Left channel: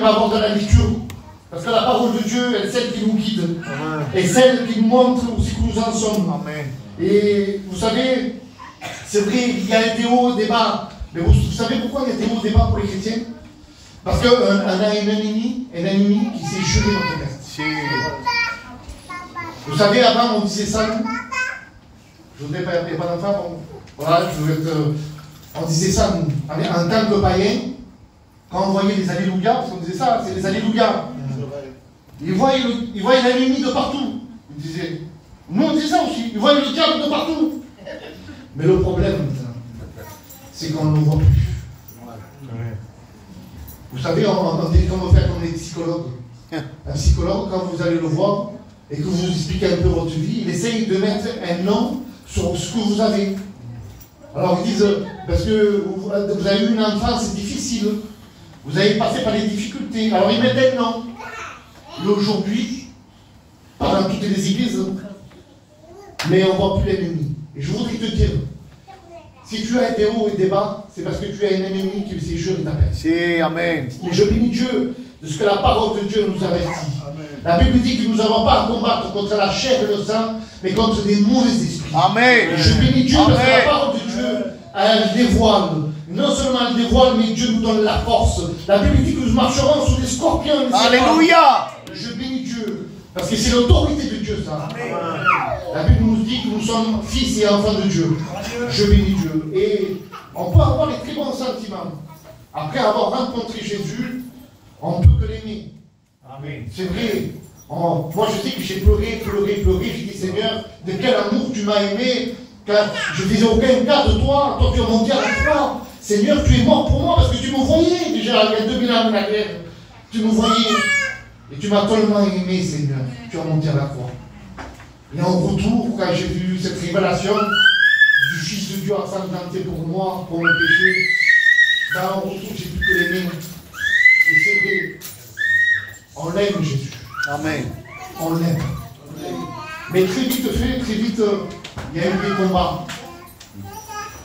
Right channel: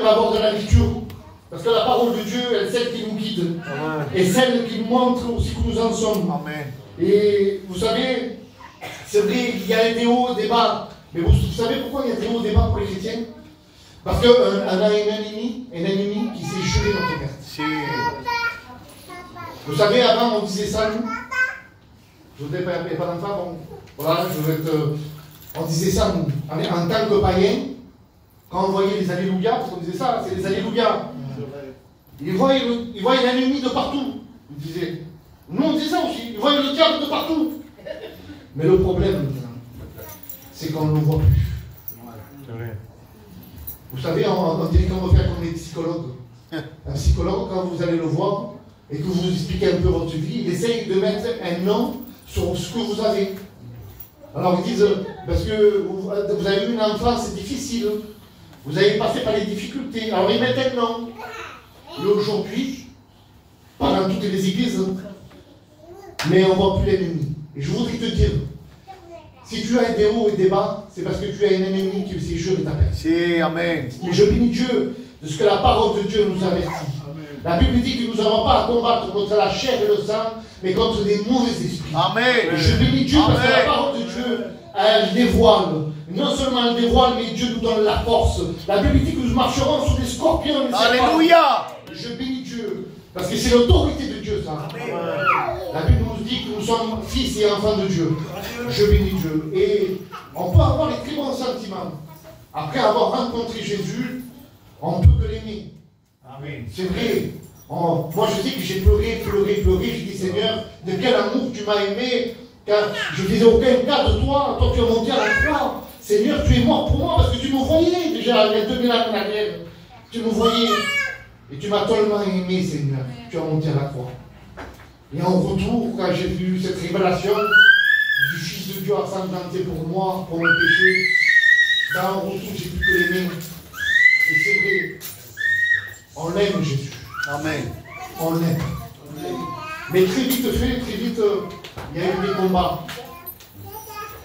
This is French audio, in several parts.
va avoir de la lecture. Parce que la parole de Dieu est celle qui nous guide. Amen. Et celle qui nous montre aussi où nous en sommes. Amen. Et vous savez, c'est vrai, il y a des hauts, des bas. Mais vous savez pourquoi il y a des hauts, des bas pour les chrétiens? Parce qu'on a un ennemi qui s'est gelé notre cœur. Vous savez, avant on disait ça, nous. Je voudrais pas, il n'y a pas d'enfant, bon. Voilà, on disait ça, nous. En tant que païen, quand on voyait les alléluia, parce qu'on disait ça, c'est les alléluia. Ils voient un ennemi de partout. Ils disaient, nous on disait ça aussi, ils voient le diable de partout. Mais le problème, c'est qu'on ne le voit plus. Vous savez, on dit qu'on va faire comme des psychologues. Un psychologue, quand vous allez le voir et que vous expliquez un peu votre vie, il essaye de mettre un nom sur ce que vous avez. Alors ils disent, parce que vous avez eu une enfance difficile, vous avez passé par les difficultés, alors ils mettent un nom. Et aujourd'hui, pas dans toutes les églises, mais on ne voit plus l'ennemi. Et je voudrais te dire, si tu as des hauts et des bas, c'est parce que tu as un ennemi qui s'est gelé ta paix. Amen. Et je bénis Dieu de ce que la parole de Dieu nous avertit. Amen. La Bible dit que nous n'avons pas à combattre contre la chair et le sang, mais contre des mauvais esprits. Amen. Et je bénis Dieu parce que la parole de Dieu, elle dévoile. Non seulement elle dévoile, mais Dieu nous donne la force. La Bible dit que nous marcherons sur des scorpions. Alléluia. Je bénis Dieu. Parce que c'est l'autorité de Dieu, ça. Amen. La Bible nous dit que nous sommes fils et enfants de Dieu. Je bénis Dieu. Et on peut avoir des très bons sentiments. Après avoir rencontré Jésus, on ne peut que l'aimer. C'est vrai. Moi, je sais que j'ai pleuré. J'ai dit, Seigneur, de quel amour tu m'as aimé, car je ne faisais aucun cas de toi. Toi, tu es monté à la croix. Seigneur, tu es mort pour moi, parce que tu me voyais déjà il y a 2000 ans en arrière. Tu me voyais. Et tu m'as tellement aimé, Seigneur. Tu as monté à la croix. Et en retour, quand j'ai vu cette révélation du Fils de Dieu ensanglanté pour moi, pour le péché, dans un retour, j'ai pu que l'aimer. Et c'est vrai, on l'aime, Jésus. Amen. On l'aime. Mais très vite, il y a eu des combats.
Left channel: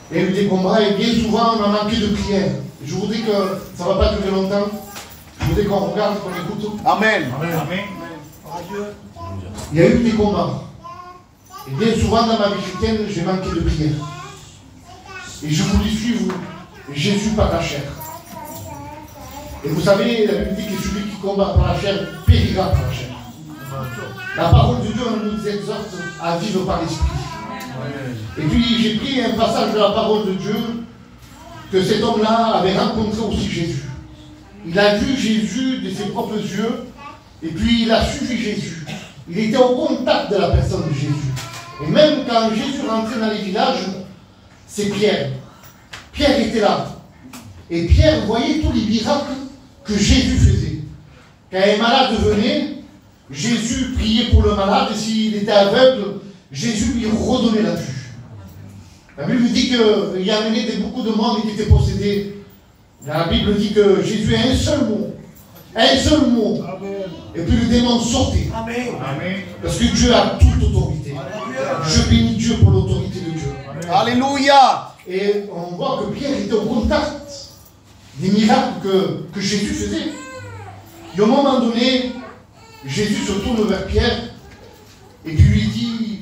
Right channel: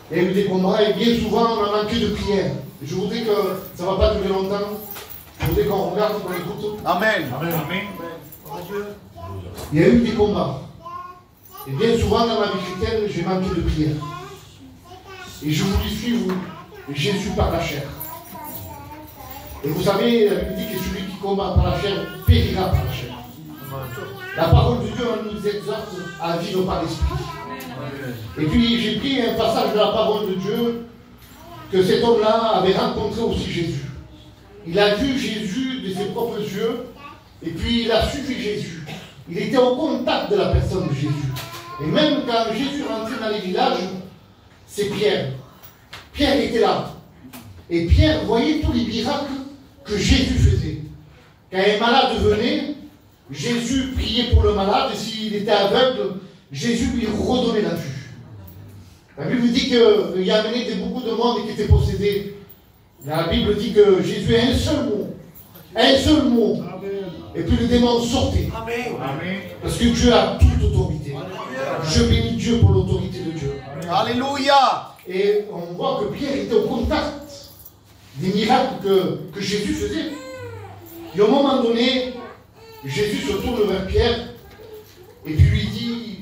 Il y a eu des combats et bien souvent, on a manqué de prière. Et je voudrais que ça ne va pas durer longtemps. Je voudrais qu'on regarde, qu'on écoute. Amen. Amen. Il y a eu des combats. Et bien souvent dans ma vie chrétienne, j'ai manqué de prière. Et je voulais suivre Jésus par la chair. Et vous savez, la Bible dit que celui qui combat par la chair périra par la chair. La parole de Dieu nous exhorte à vivre par l'esprit. Et puis j'ai pris un passage de la parole de Dieu que cet homme-là avait rencontré aussi Jésus. Il a vu Jésus de ses propres yeux et puis il a suivi Jésus. Il était au contact de la personne de Jésus. Et même quand Jésus rentrait dans les villages, c'est Pierre. Pierre était là. Et Pierre voyait tous les miracles que Jésus faisait. Quand un malade venait, Jésus priait pour le malade et s'il était aveugle, Jésus lui redonnait la vue. La Bible dit qu'il a amené beaucoup de monde qui étaient possédés. La Bible dit que Jésus a un seul mot. Un seul mot. Amen. Et puis le démon sortait. Amen. Amen. Parce que Dieu a toute autorité. Amen. Je bénis Dieu pour l'autorité de Dieu. Amen. Alléluia. Et on voit que Pierre était au contact des miracles que Jésus faisait. Et au moment donné, Jésus se tourne vers Pierre et puis lui dit,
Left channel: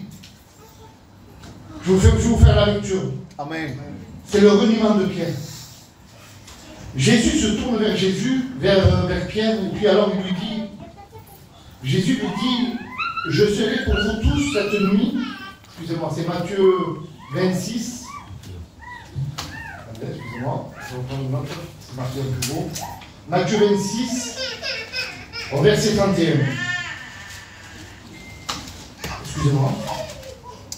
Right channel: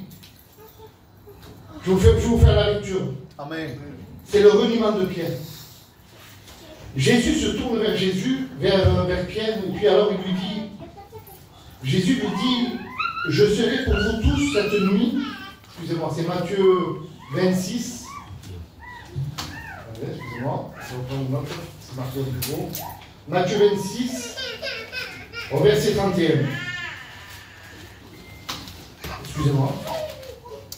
je vais vous faire la lecture. Amen. C'est le reniement de Pierre. Jésus se tourne vers vers Pierre, et puis alors il lui dit, Jésus lui dit, je serai pour vous tous cette nuit, excusez-moi, c'est Matthieu 26, excusez-moi, c'est marqué au plus beau, Matthieu 26, au verset 31. Excusez-moi.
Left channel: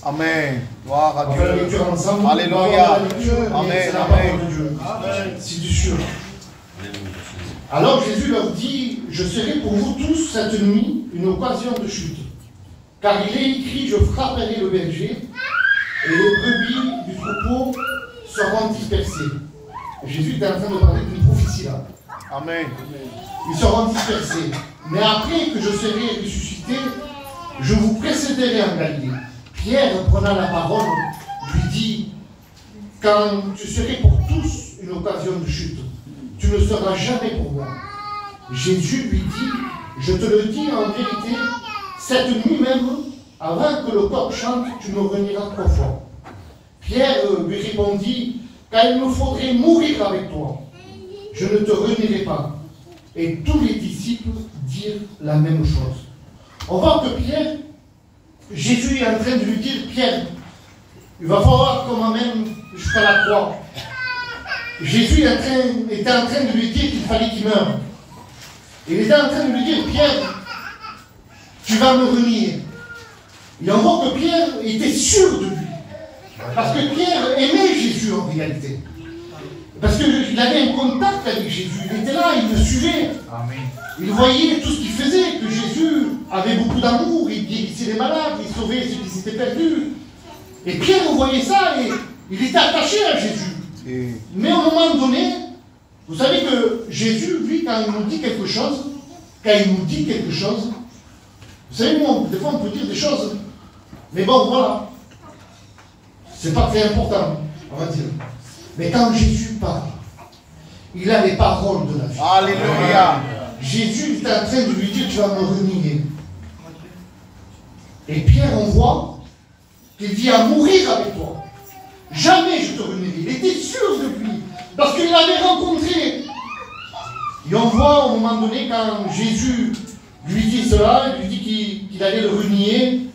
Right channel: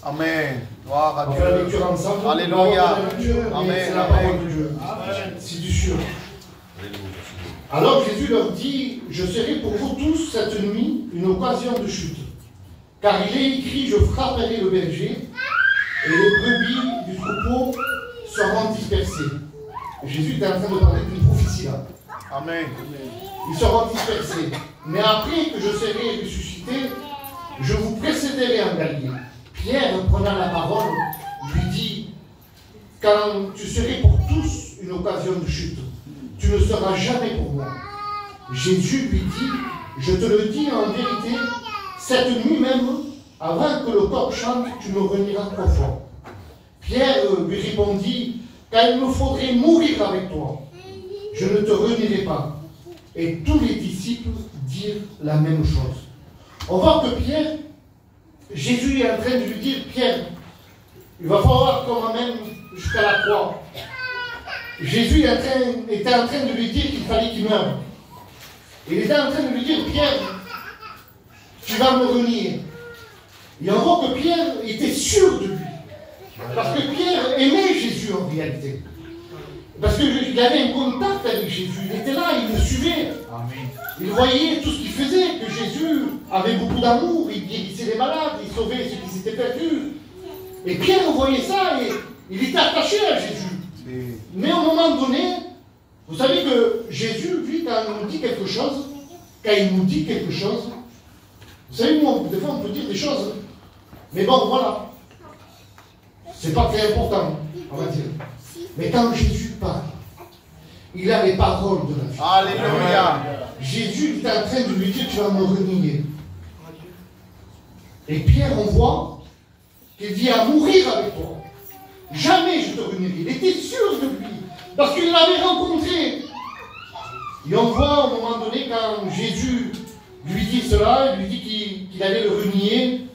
Amen. Gloire à Dieu. On va la lecture ensemble. Alléluia. Amen. C'est la parole de Dieu. C'est du sûr. Alors Jésus leur dit, je serai pour vous tous cette nuit une occasion de chute. Car il est écrit, je frapperai le berger et les brebis du troupeau seront dispersées. Et Jésus est en train de parler d'une prophétie là. Amen. Ils seront dispersés. Mais après que je serai ressuscité, je vous précéderai en Galilée. Pierre, prenant la parole, lui dit, quand tu serais pour tous une occasion de chute, tu ne seras jamais pour moi. Jésus lui dit, je te le dis en vérité, cette nuit même, avant que le coq chante, tu me renieras 3 fois. Pierre lui répondit, car il me faudrait mourir avec toi. Je ne te renierai pas. Et tous les disciples dirent la même chose. On voit que Pierre, Jésus est en train de lui dire, Pierre, il va falloir qu'on m'amène jusqu'à la croix. Jésus était en train de lui dire qu'il fallait qu'il meure. Il était en train de lui dire, Pierre, tu vas me renier. Et on voit que Pierre était sûr de lui. Parce que Pierre aimait Jésus en réalité. Parce qu'il avait un contact avec Jésus. Il était là, il le suivait. Amen. Il voyait tout ce qu'il faisait, que Jésus avait beaucoup d'amour, il guérissait les malades, il sauvait ceux qui s'étaient perdus. Et Pierre voyait ça et il était attaché à Jésus. Mais à un moment donné, vous savez que Jésus, lui, quand il nous dit quelque chose, vous savez, nous, des fois on peut dire des choses, mais bon, voilà. C'est pas très important, on va dire. Mais quand Jésus parle, il a les paroles de la vie. Alléluia. Jésus est en train de lui dire, tu vas me renier. Et Pierre, on voit qu'il dit à mourir avec toi. Jamais je te renierai. Il était sûr de lui, parce qu'il l'avait rencontré. Et on voit au moment donné, quand Jésus lui dit cela, il lui dit qu'il allait le renier,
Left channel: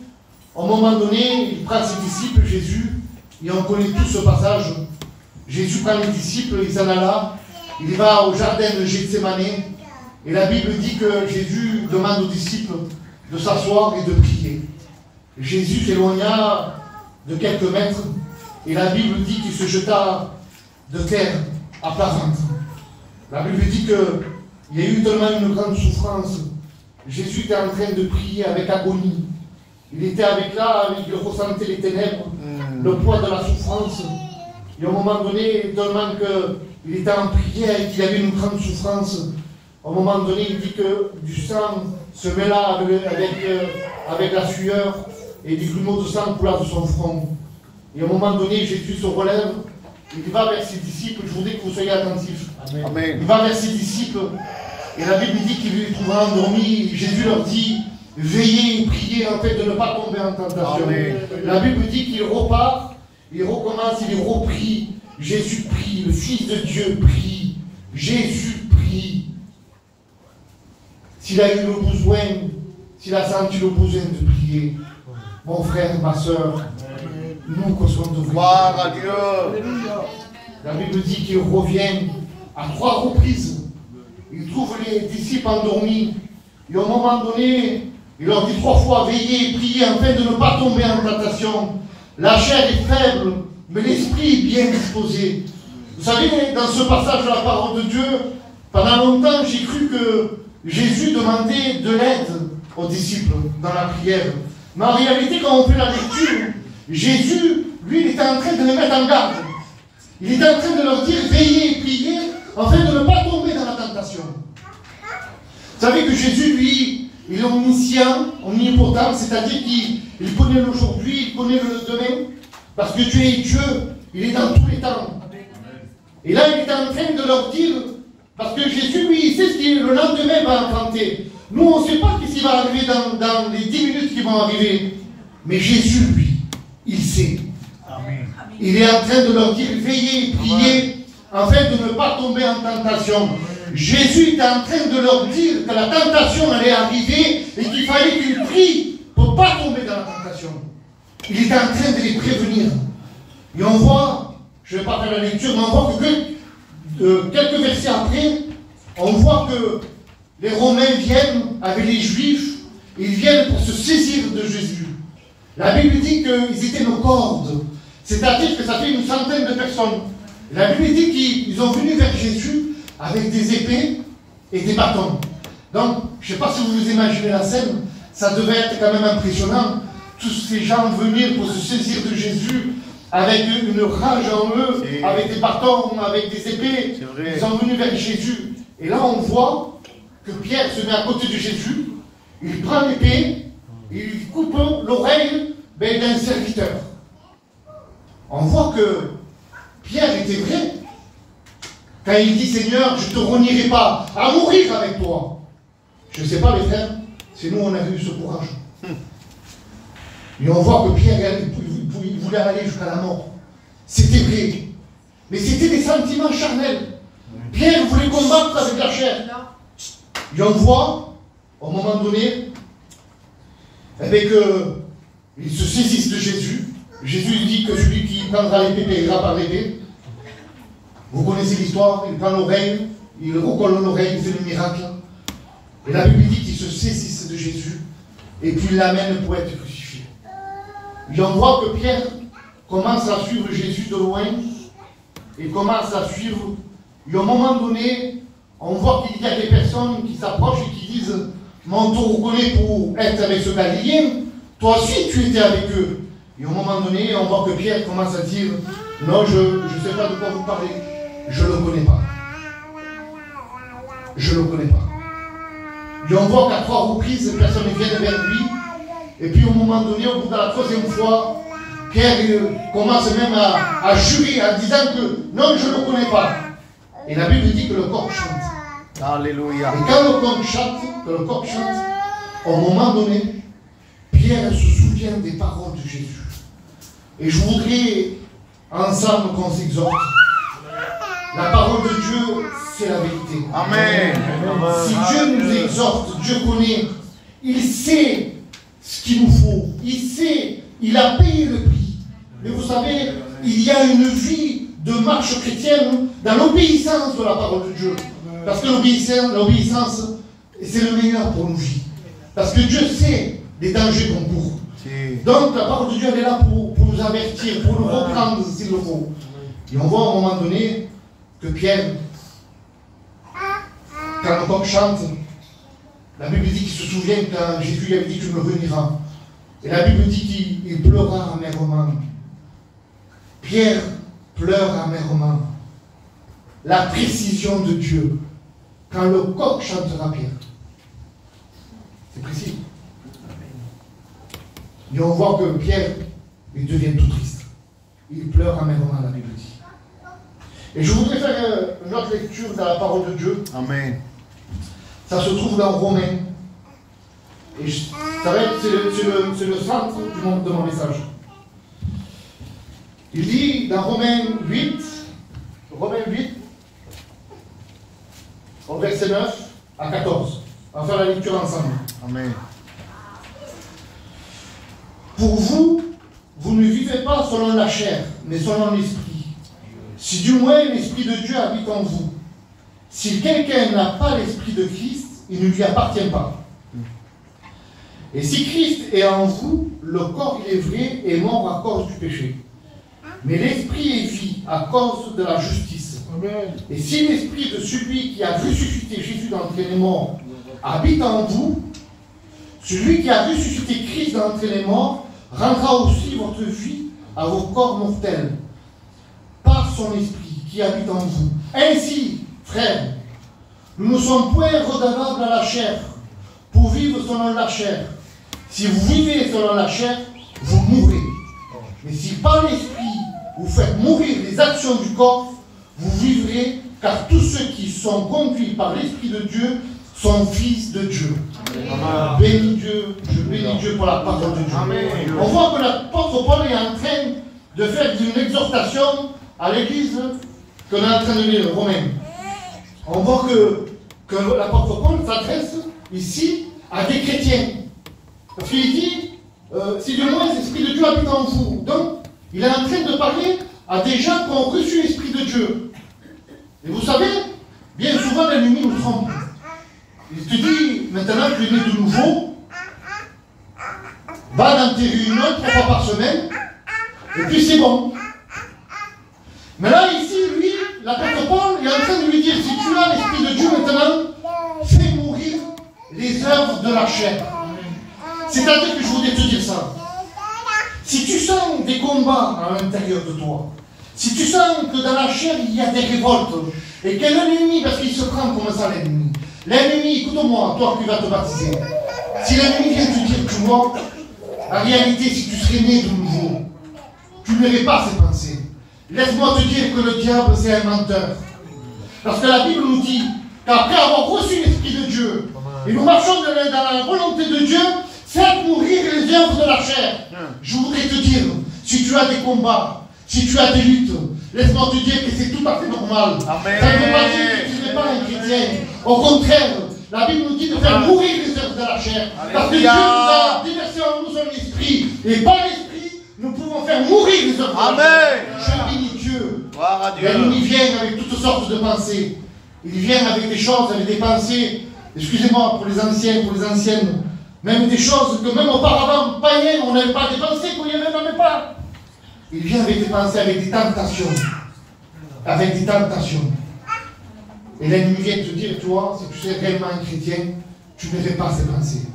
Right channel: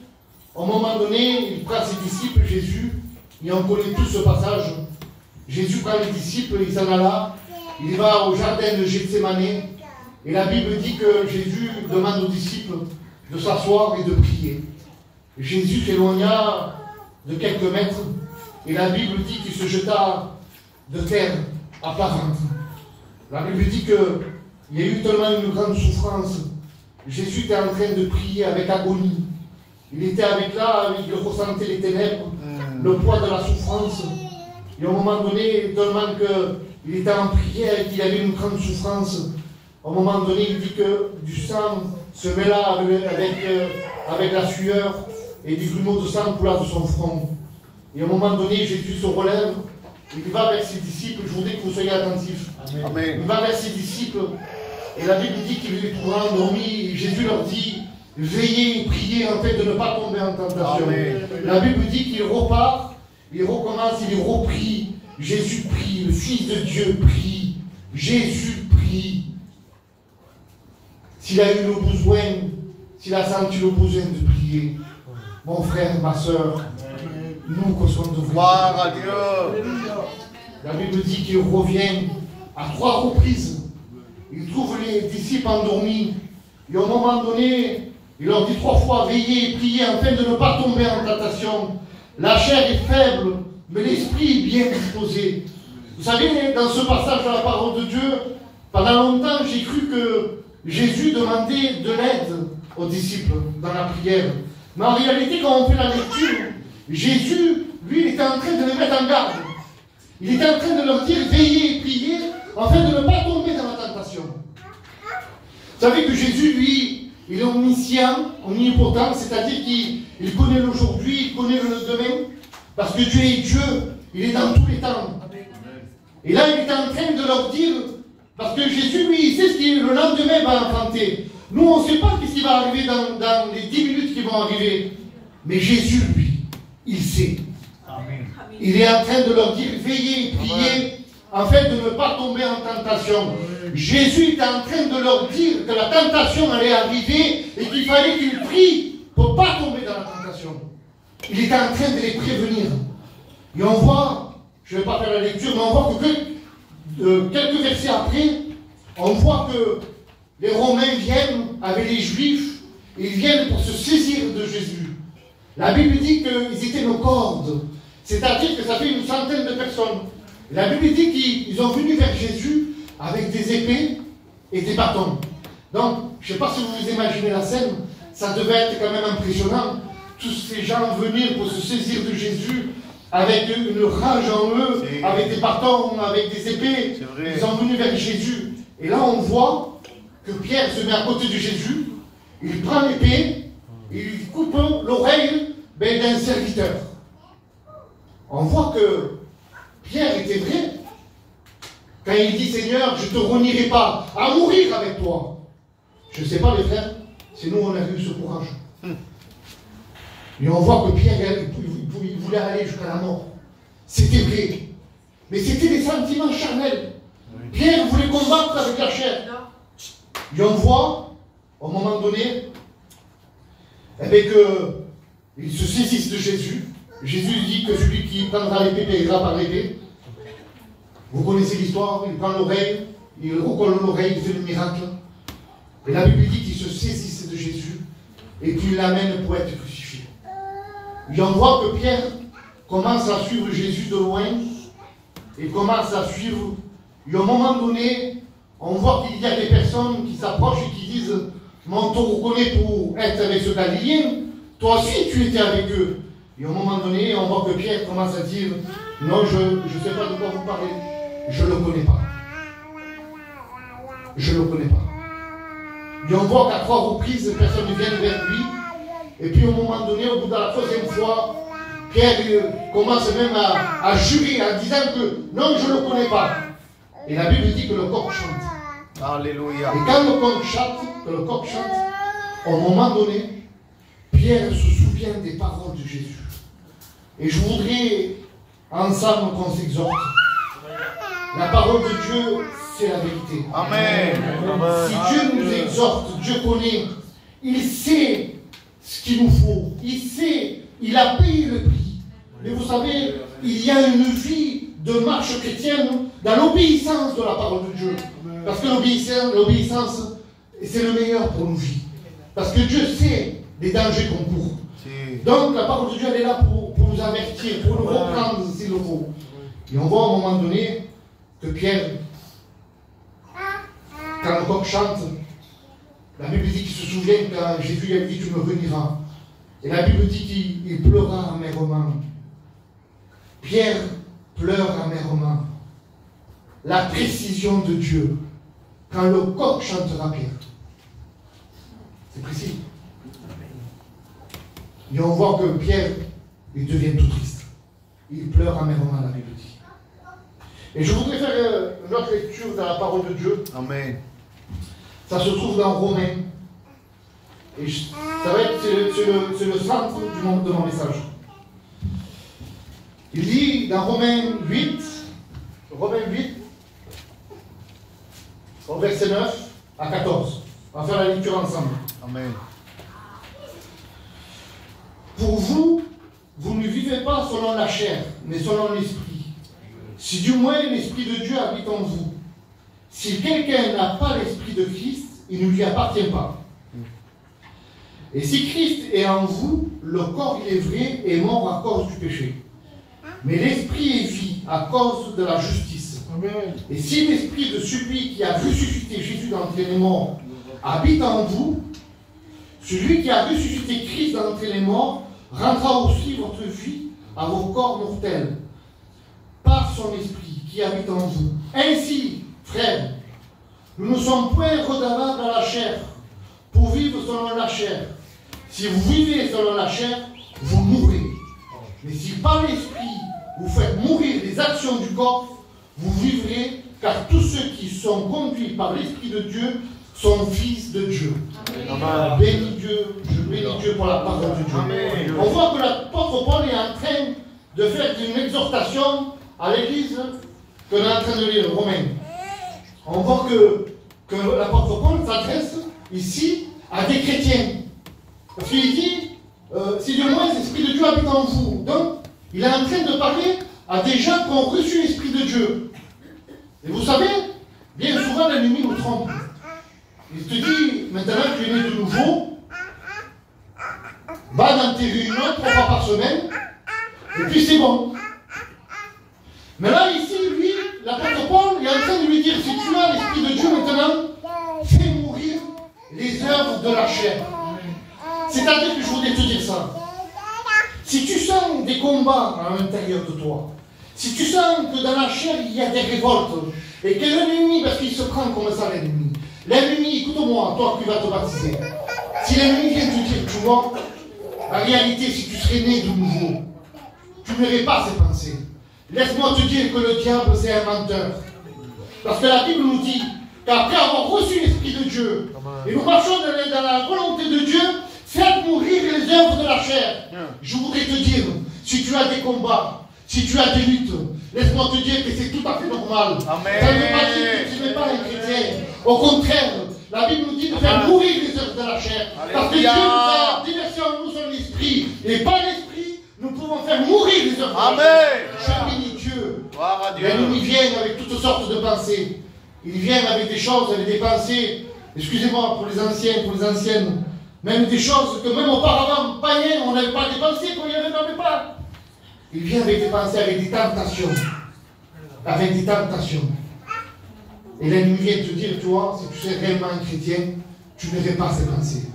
au moment donné, il prend ses disciples, Jésus, et on connaît tout ce passage. Jésus prend les disciples, il s'en alla, il va au jardin de Gethsémane, et la Bible dit que Jésus demande aux disciples de s'asseoir et de prier. Jésus s'éloigna de quelques mètres, et la Bible dit qu'il se jeta de terre à plat ventre. La Bible dit qu'il y a eu tellement une grande souffrance. Jésus était en train de prier avec agonie. Il était avec là, il ressentait les ténèbres, le poids de la souffrance. Et à un moment donné, tellement qu'il était en prière et qu'il y avait une grande souffrance, à un moment donné, il dit que du sang se mêla avec la sueur et des grumeaux de sang coulèrent de son front. Et à un moment donné, Jésus se relève, il va vers ses disciples, je voudrais que vous soyez attentifs. Amen. Il va vers ses disciples, et la Bible dit qu'il les trouvera endormis, et Jésus leur dit, veillez et priez en fait de ne pas tomber en tentation. Amen. La Bible dit qu'il repart, il recommence, il reprie. Jésus prie, le Fils de Dieu prie, Jésus prie. S'il a eu le besoin, s'il a senti le besoin de prier, mon frère, ma soeur, nous qu'on soit de gloire à Dieu. La Bible dit qu'il revient à 3 reprises. Il trouve les disciples endormis. Et à un moment donné, il leur dit 3 fois, veillez et priez afin de ne pas tomber en tentation. La chair est faible, mais l'esprit est bien disposé. Vous savez, dans ce passage de la parole de Dieu, pendant longtemps, j'ai cru que Jésus demandait de l'aide aux disciples dans la prière. Mais en réalité, quand on fait la lecture, Jésus, lui, il était en train de les mettre en garde. Il était en train de leur dire, veillez et priez, afin de ne pas tomber dans la tentation. Vous savez que Jésus, lui, il est omniscient, omnipotent, c'est-à-dire qu'il connaît l'aujourd'hui, il connaît le demain, parce que Dieu est Dieu, il est dans tous les temps. Et là, il est en train de leur dire, parce que Jésus, lui, il sait ce qui le lendemain va affronter. Nous, on ne sait pas ce qui va arriver dans les 10 minutes qui vont arriver. Mais Jésus, lui, il sait. Amen. Il est en train de leur dire, veillez, priez, afin de ne pas tomber en tentation. Jésus est en train de leur dire que la tentation allait arriver et qu'il fallait qu'ils prient pour ne pas tomber dans la tentation. Il est en train de les prévenir. Et on voit, je ne vais pas faire la lecture, mais on voit que quelques versets après, on voit que les Romains viennent avec les Juifs, ils viennent pour se saisir de Jésus. La Bible dit qu'ils étaient nos cordes, c'est-à-dire que ça fait une centaine de personnes. Et la Bible dit qu'ils ont venu vers Jésus avec des épées et des bâtons. Donc, je ne sais pas si vous vous imaginez la scène, ça devait être quand même impressionnant. Tous ces gens venir pour se saisir de Jésus avec une rage en eux, avec des bâtons, avec des épées. Ils sont venus vers Jésus. Et là, on voit que Pierre se met à côté de Jésus, il prend l'épée, il coupe l'oreille d'un serviteur. On voit que Pierre était vrai. Quand il dit Seigneur, je ne te renierai pas à mourir avec toi. Je ne sais pas les frères, c'est nous on a eu ce courage. Et on voit que Pierre, il voulait aller jusqu'à la mort. C'était vrai. Mais c'était des sentiments charnels. Pierre voulait combattre avec la chair. Et on voit, au moment donné, eh bien qu'il se saisisse de Jésus. Jésus dit que celui qui prendra l'épée payera par l'épée. Vous connaissez l'histoire, il prend l'oreille, il recolle l'oreille, il fait le miracle. Et la Bible dit qu'il se saisisse de Jésus et puis il l'amène pour être crucifié. Et on voit que Pierre commence à suivre Jésus de loin et commence à suivre. Et à un moment donné, on voit qu'il y a des personnes qui s'approchent et qui disent « Mais on te reconnaît pour être avec ce Galiléen, toi aussi tu étais avec eux. » Et à un moment donné, on voit que Pierre commence à dire « Non, je ne sais pas de quoi vous parlez, je ne le connais pas. Je ne le connais pas. » Et on voit qu'à 3 reprises, personne ne vient vers lui. Et puis au moment donné, au bout de la 3e fois, Pierre commence même à jurer en disant que non, je ne le connais pas. Et la Bible dit que le coq chante. Alléluia. Et quand le coq chante, au moment donné, Pierre se souvient des paroles de Jésus. Et je voudrais ensemble qu'on s'exhorte. La parole de Dieu, c'est la vérité. Amen. Si Dieu nous exhorte, Dieu connaît, il sait ce qu'il nous faut. Il sait, il a payé le prix. Mais vous savez, il y a une vie de marche chrétienne dans l'obéissance de la parole de Dieu. Parce que l'obéissance, c'est le meilleur pour nos vies. Parce que Dieu sait les dangers qu'on court. Donc la parole de Dieu, elle est là pour nous avertir, pour nous reprendre s'il le faut. Et on voit à un moment donné que Pierre, quand le coq chante, la Bible dit qu'il se souvient quand Jésus lui a dit « Tu me renieras ». Et la Bible dit qu'il pleura amèrement. Pierre pleure amèrement. La précision de Dieu. Quand le coq chantera, Pierre. C'est précis. Et on voit que Pierre, il devient tout triste. Il pleure amèrement, la Bible dit. Et je voudrais faire une autre lecture dans la parole de Dieu. Amen. Ça se trouve dans Romains. Et ça va être, c'est le centre de mon message. Il dit dans Romains 8, au verset 9 à 14. On va faire la lecture ensemble. Amen. Pour vous, vous ne vivez pas selon la chair, mais selon l'esprit. Si du moins l'esprit de Dieu habite en vous. Si quelqu'un n'a pas l'esprit de Christ, il ne lui appartient pas. Et si Christ est en vous, le corps, il est vrai, est mort à cause du péché. Mais l'esprit est vie à cause de la justice. Amen. Et si l'esprit de celui qui a ressuscité Jésus d'entre les morts habite en vous, celui qui a ressuscité Christ d'entre les morts rendra aussi votre vie à vos corps mortels, par son esprit qui habite en vous. Ainsi, frères, nous ne sommes point redevables à la chair, pour vivre selon la chair. Si vous vivez selon la chair, vous mourrez. Mais si par l'esprit, vous faites mourir les actions du corps, vous vivrez, car tous ceux qui sont conduits par l'Esprit de Dieu sont fils de Dieu. Amen. Bénis Dieu, je bénis Dieu pour la parole de Dieu. Amen. On voit que l'apôtre Paul est en train de faire une exhortation à l'église qu'on est en train de lire, Romains. On voit que l'apôtre Paul s'adresse ici à des chrétiens. Parce qu'il dit, si du moins l'Esprit de Dieu habite en vous. Donc, il est en train de parler à des gens qui ont reçu l'Esprit de Dieu. Et vous savez, bien souvent l'ennemi nous trompe. Il te dit, maintenant que tu es né de nouveau, va dans tes réunions 3 fois par semaine, et puis c'est bon. Mais là, ici, lui, l'apôtre Paul est en train de lui dire, si tu as l'Esprit de Dieu maintenant, fais mourir les œuvres de la chair. C'est-à-dire que je voudrais te dire ça. Si tu sens des combats à l'intérieur de toi, si tu sens que dans la chair il y a des révoltes, et que l'ennemi, parce qu'il se prend comme ça l'ennemi, écoute-moi, toi qui vas te baptiser, si l'ennemi vient te dire, tu vois, en réalité, si tu serais né de nouveau, tu n'aurais pas ces pensées. Laisse-moi te dire que le diable, c'est un menteur. Parce que la Bible nous dit qu'après avoir reçu l'Esprit de Dieu, et nous marchons dans la volonté de Dieu, faites mourir les œuvres de la chair. Je voudrais te dire, si tu as des combats, si tu as des luttes, laisse-moi te dire que c'est tout à fait normal. Amen. Ça ne veut pas dire que tu n'es pas un chrétien. Au contraire, la Bible nous dit de faire mourir les œuvres de la chair. Parce que Dieu nous a déversé en nous son esprit. Et par l'esprit, nous pouvons faire mourir les œuvres de la chair. Je bénis Dieu. Gloire à Dieu. L'ennemi vient avec toutes sortes de pensées. Il vient avec des choses, avec des pensées. Excusez-moi pour les anciens, pour les anciennes. Même des choses que même auparavant, païens, on n'avait pas des pensées qu'on n'y avait pas. Il vient avec des pensées, avec des tentations. Avec des tentations. Et l'ennemi vient te dire, toi, si tu es réellement un chrétien, tu n'aurais pas ces pensées.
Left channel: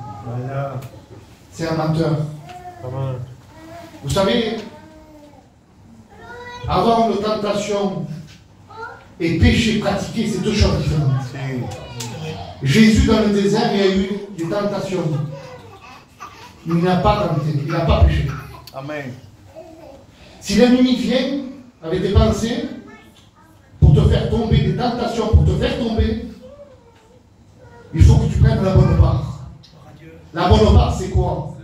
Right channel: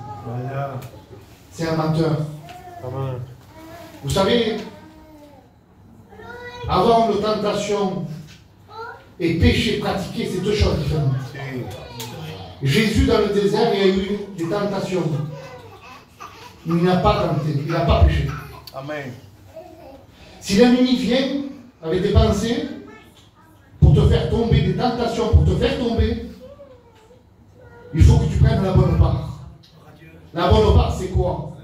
C'est un menteur. Vous savez, avoir une tentation et péché pratiqué, c'est deux choses différentes. Jésus, dans le désert, il a eu des tentations. Il n'a pas tenté, il n'a pas péché. Amen. Si l'ennemi vient avec des pensées pour te faire tomber, des tentations pour te faire tomber, il faut que tu prennes la bonne part. La bonne part, c'est quoi?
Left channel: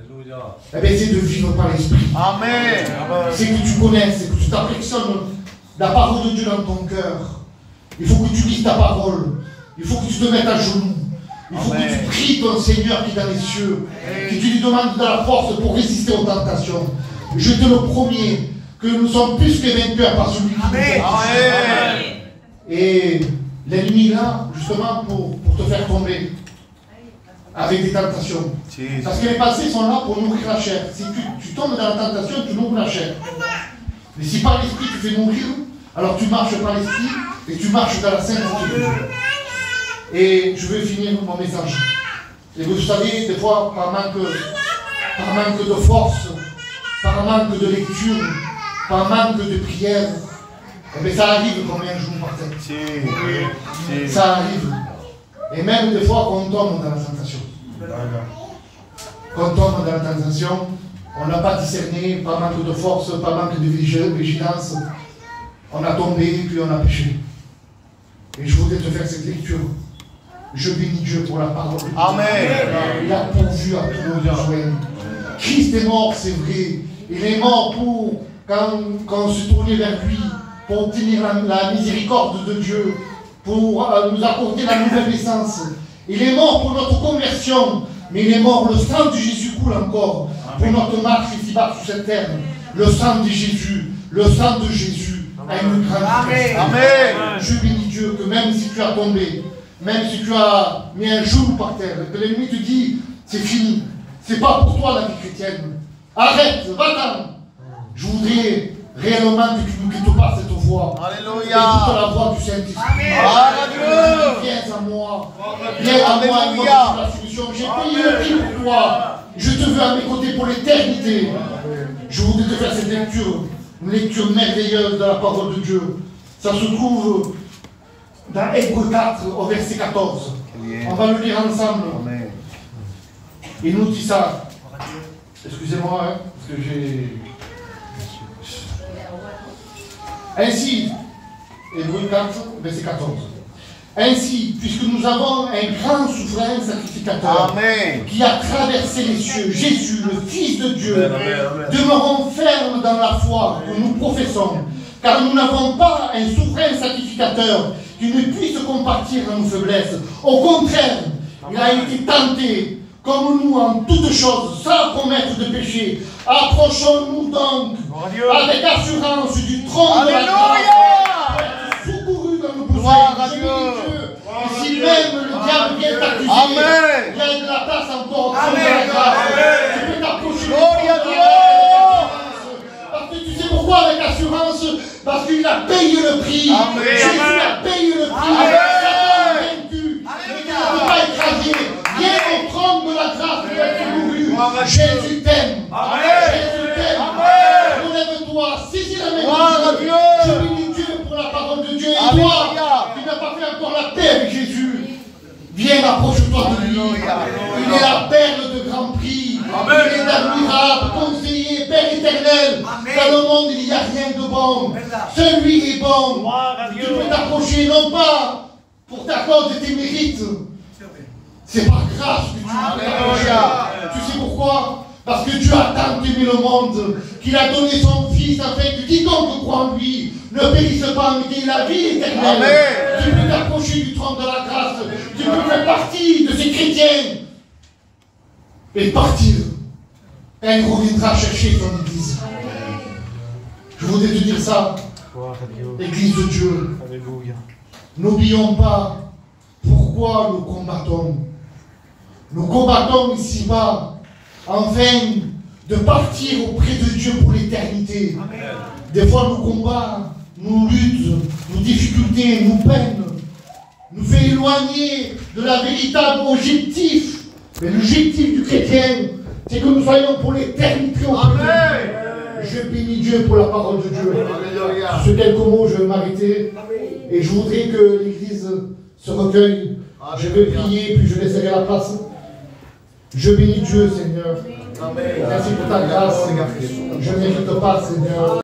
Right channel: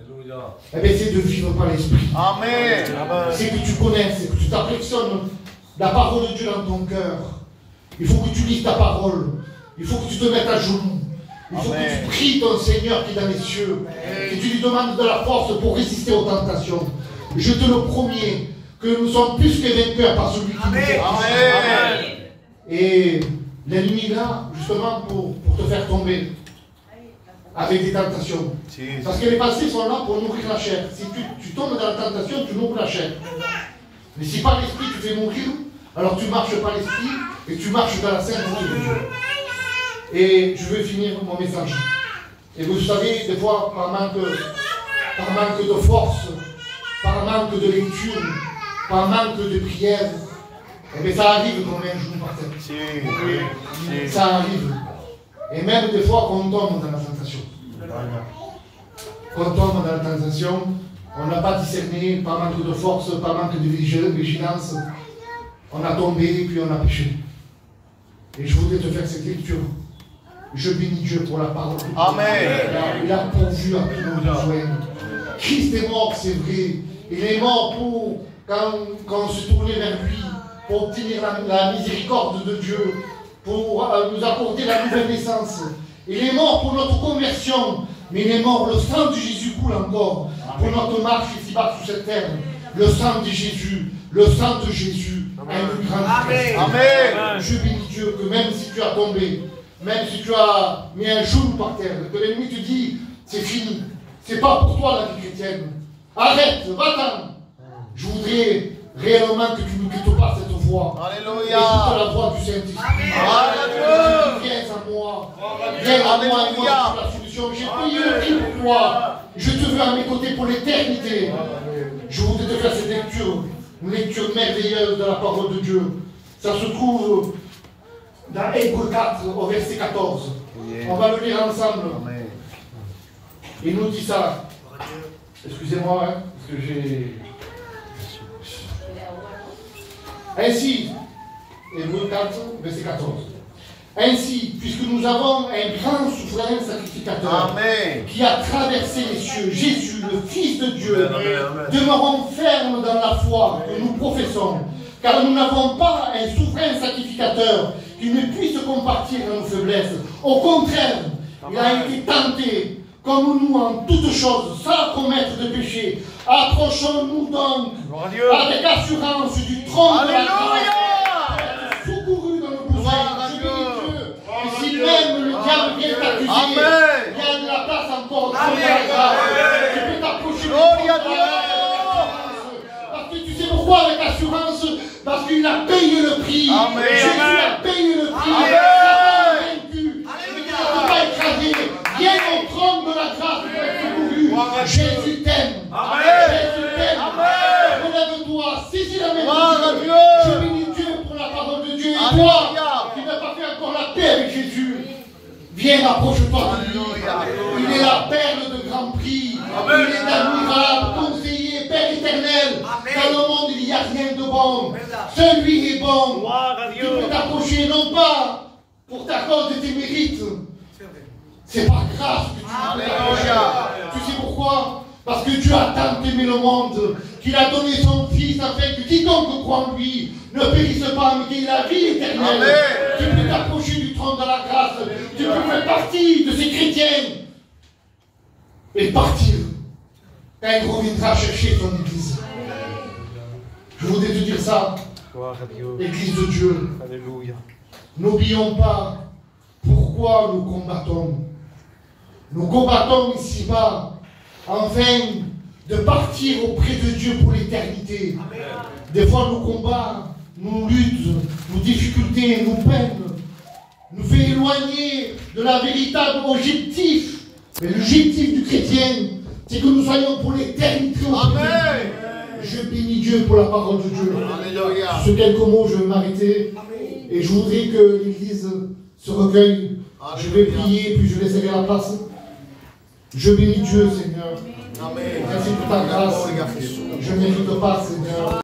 Eh bien, c'est de vivre par l'esprit. Amen. C'est que tu connaisses, c'est que tu t'affectionnes la parole de Dieu dans ton cœur. Il faut que tu lises ta parole. Il faut que tu te mettes à genoux. Il faut que tu pries ton Seigneur qui est dans les cieux. Que tu lui demandes de la force pour résister aux tentations. Je te le promets que nous sommes plus que vainqueurs par celui qui nous aime. Amen. Et l'ennemi là, justement, pour te faire tomber avec des tentations. Parce que les pensées sont là pour nourrir la chair. Si tu tombes dans la tentation, tu nourris la chair. Mais si par l'esprit tu fais mourir, alors tu marches par l'esprit et tu marches dans la sainteté de Dieu. Et je vais finir mon message. Et vous savez, des fois, par manque de force, par manque de lecture, par manque de prière, eh bien, ça arrive comme un jour par terre. Ça arrive. Et même des fois qu'on tombe dans la tentation. Quand on tombe dans la tentation, on n'a pas discerné, par manque de force, par manque de vigilance. On a tombé, puis on a péché. Et je voudrais te faire cette lecture. Je bénis Dieu pour la parole de Dieu. Amen. Il a pourvu à tous nos besoins. Christ est mort, c'est vrai. Il est mort pour, quand on se tournait vers lui, pour obtenir la miséricorde de Dieu, pour nous accorder la nouvelle naissance. Il est mort pour notre conversion, mais il est mort, le sang de Jésus coule encore pour notre marche ici-bas sur cette terre. Le sang de Jésus a une grande puissance. Amen. Je bénis Dieu que même si tu as tombé, même si tu as mis un genou par terre, que l'ennemi te dit, c'est fini, c'est pas pour toi la vie chrétienne. Arrête, va-t'en. Je voudrais réellement que tu nous quittes pas cette voie. Alléluia. Écoute la voix du Saint-Esprit. Viens à moi. Viens à moi et moi, la solution. J'ai payé le prix pour toi. Je te veux à mes côtés pour l'éternité. Je voudrais te faire cette lecture. Une lecture merveilleuse de la parole de Dieu. Ça se trouve dans Hébreux 4 au verset 14. On va le lire ensemble. Il nous dit ça. Excusez-moi, hein, parce que j'ai... Ainsi, Hébreux 4, verset 14. Ainsi, puisque nous avons un grand souverain sacrificateur qui a traversé les cieux, Jésus, le Fils de Dieu, demeurons fermes dans la foi que nous professons, car nous n'avons pas un souverain sacrificateur qui ne puisse compatir à nos faiblesses. Au contraire, il a été tenté, comme nous en toutes choses, sans commettre de péché. Approchons-nous donc avec assurance du trône de la grâce, secourus dans nos besoins. Je bénis Dieu. Et si même le diable vient t'accuser, il y a de la place encore au trône de la grâce. Tu peux t'approcher du trône de la grâce. Parce que tu sais pourquoi avec assurance? Parce qu'il a payé le prix. Jésus a payé le prix. Satan a vaincu. Il ne peut pas écraser. Viens au trône de la grâce pour être secouru. Jésus t'aime. Jésus t'aime. Relève-toi. Saisis la main de Dieu. Je bénis Dieu pour la parole de Dieu. Et toi, qui n'as pas fait encore la paix avec Jésus, viens, approche-toi de lui. Il est la perle de grand prix. Il est admirable, conseiller, Père éternel. Dans le monde, il n'y a rien de bon. Celui est bon. Tu peux t'approcher, non pas d'accord de tes mérites. C'est par grâce que tu Alléluia. Tu sais pourquoi? Parce que Dieu a tant aimé le monde qu'il a donné son Fils afin que quiconque croit en lui ne périsse pas, mais qu'il ait la vie éternelle. Amen. Tu peux t'approcher du trône de la grâce. Tu peux faire partie de ces chrétiens et partir quand il reviendra chercher son Église. Je voudrais te dire ça, Église de Dieu. Alléluia. N'oublions pas pourquoi nous combattons. Nous combattons ici-bas afin de partir auprès de Dieu pour l'éternité. Des fois, nos combats, nos luttes, nos difficultés, nos peines nous fait éloigner de la véritable objectif. Mais l'objectif du chrétien, c'est que nous soyons pour l'éternité. Amen. Je bénis Dieu pour la parole de Dieu. Alléluia. Sur quelques mots, je vais m'arrêter. Et je voudrais que l'Église se recueille. Je vais prier, puis je laisserai la place. Je bénis Dieu, Seigneur. Amen. Merci pour ta grâce. Je ne mérite pas, Seigneur.